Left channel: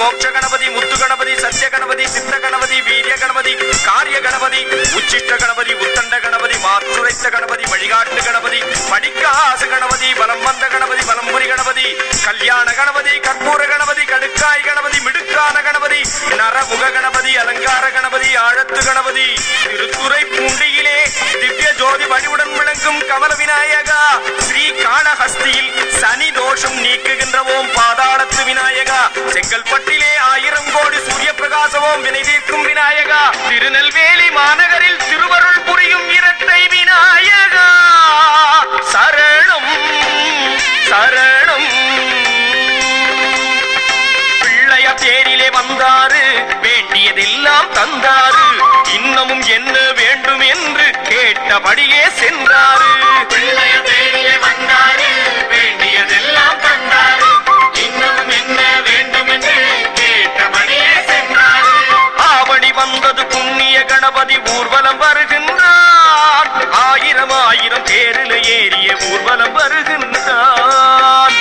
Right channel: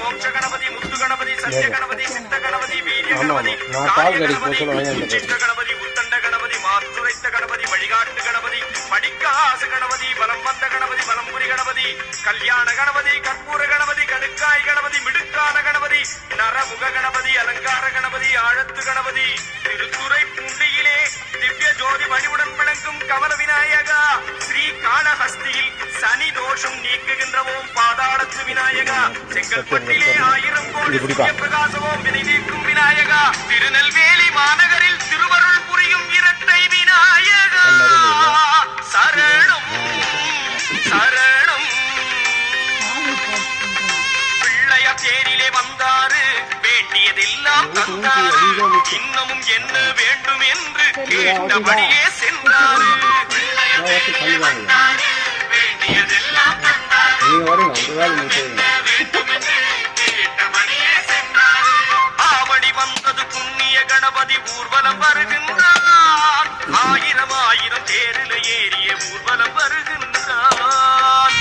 மோட்ச கணபதி, முத்து கணபதி, சத்ய கணபதி, சித்த கணபதி, வீரிய கணபதி, காரிய கணபதி, உச்சிஷ்ட கணபதி, உத்தண்ட கணபதி, மாற்றுரைத்த கணபதி, வழிகாட்டு கணபதி, படிக்காசு கணபதி, பலம் வந்த கணபதி, பலம்புரி கணபதி, கல்யாண கணபதி, கற்பூர கணபதி, கடுக்காய் கணபதி, மிடுக்கான கணபதி, நரமுக கணபதி, அலங்கார கணபதி, ஆழத்து கணபதி, திருத்துறை பூண்டியிலே திவ்ய ஜோதி வடிவுடன் விளங்கும் கமல விநாயகா, ஸ்ரீ காளஹஸ்தியில் சனி தோஷம் நீக்குகின்ற ஓம் பாதாளத்து விநாயகா, செங்கல்பட்டிலே 1000 கோடி சூரிய பிரகாசவோம் வினை தீர்க்கும் விநாயகா, திருநெல்வேலி மாநகரில் திருவருள் புரியும் இரட்டை விநாயகா, சரணம் சரணம். பிள்ளைய தேரிலே வந்தாரு, வேண்டியதெல்லாம் தந்தாரு, இன்னமும் என்ன வேண்டும் என்று கேட்டபடியே சென்றாரு. பிள்ளைய தேரிலே வந்தாரு, வேண்டியதெல்லாம் தந்தாரு, இன்னமும் என்ன வேண்டும் என்று கேட்டபடியே சென்றாரு. ஆவணி வந்தது புண்ணிய கணபதி ஊர்வலம் வருகின்றார், 1000 தேரில் ஏறிய ஊர்வலம் வருகின்றார்.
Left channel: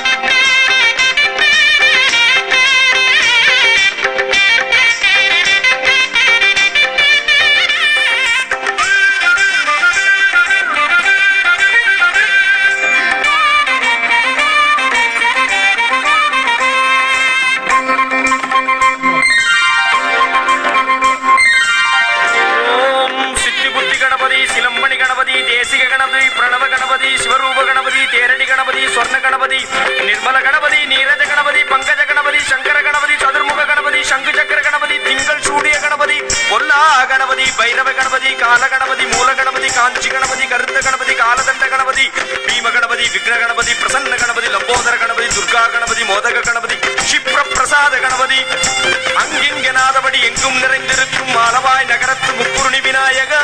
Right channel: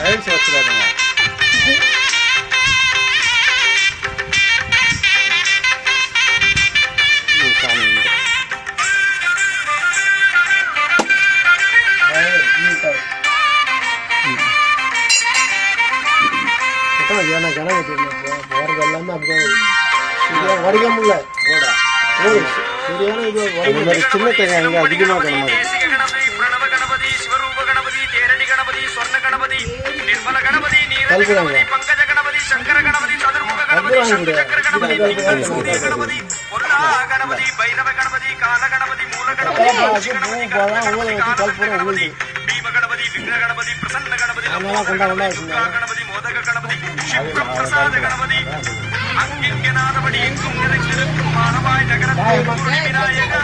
கணபதி, தேசிக கணபதி, பிரணவ கணபதி, சிவரூப கணபதி, தேரணி கணபதி, சொர்ண கணபதி, நிர்மல கணபதி, நீரஜ கணபதி, பங்கஜ கணபதி, சங்கர கணபதி, சதுர்முக கணபதி, சங்கு சக்கர கணபதி, திங்கள் சூடிய கணபதி, பொல்லா கணபதி, பைரவ கணபதி, கால கணபதி, மூல கணபதி, காஞ்சி கணபதி, கருத்த கணபதி, காலதண்ட கணபதி, பீம கணபதி, விக்ன கணபதி, பிரசன்ன கணபதி, லம்போதர கணபதி, துர்கா கணபதி, மோதக கணபதி, க்ஷிப்ர பிரசாத கணபதி, அங்கிங்கனாதபடி எங்கும் நிறைந்திருக்கும் மாலவாய் நகரத்து முத்துருணி விநாயகா,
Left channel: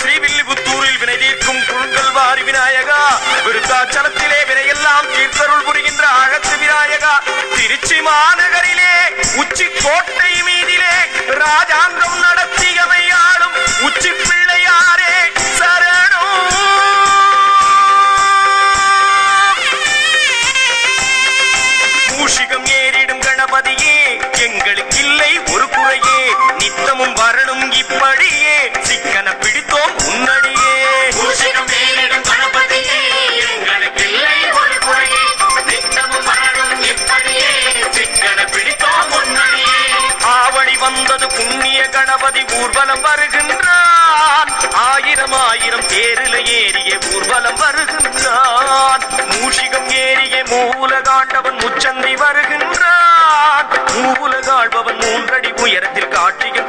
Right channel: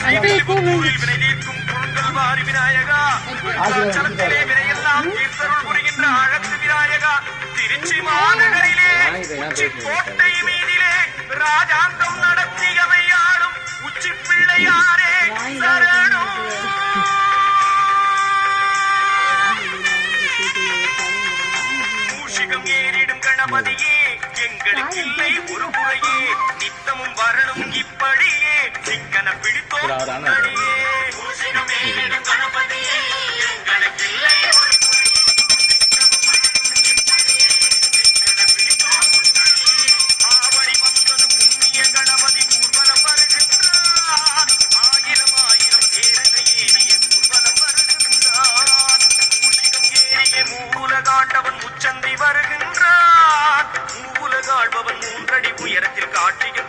ஸ்ரீவில்லிபுத்தூரில் வினை தீர்க்கும் குழுங்கல்வாரி விநாயகா, விருத்தாச்சலத்திலே வினையெல்லாம் தீர்த்தருள் புரிகின்ற ஆகத்து விநாயகா, திருச்சி மாநகரிலே உச்சி கோட்டை மீதிலே ராஜாங்கம் நடத்தியமையாளும் உச்சி பிள்ளையாரே சரணோ. மூஷிகம் ஏறிடும் கணபதியே, எங்களுக்கு இல்லை ஒரு குறையே, நித்தமும் வரணும் இப்படியே, சிக்கன பிடித்தோம் முன்னடியே. மூஷிகம் ஏறிடும் கணபதியே, எங்களுக்கு இல்லை ஒரு குறையே, நித்தமும் வரணும் இப்படியே, சிக்கன பிடித்தோம் முன்னடியே. ஆவணி வந்தது புண்ணிய கணபதி ஊர்வலம் வருகின்றான், 1000 தேரில் ஏறிய ஊர்வலம் வருகின்றான். மூஷிகம் ஏறிய மூலகாண்டவன் முச்சந்தி வருகின்றான், மூலகாழ்பவன் 3 அடி உயரத்தில் காட்சியும்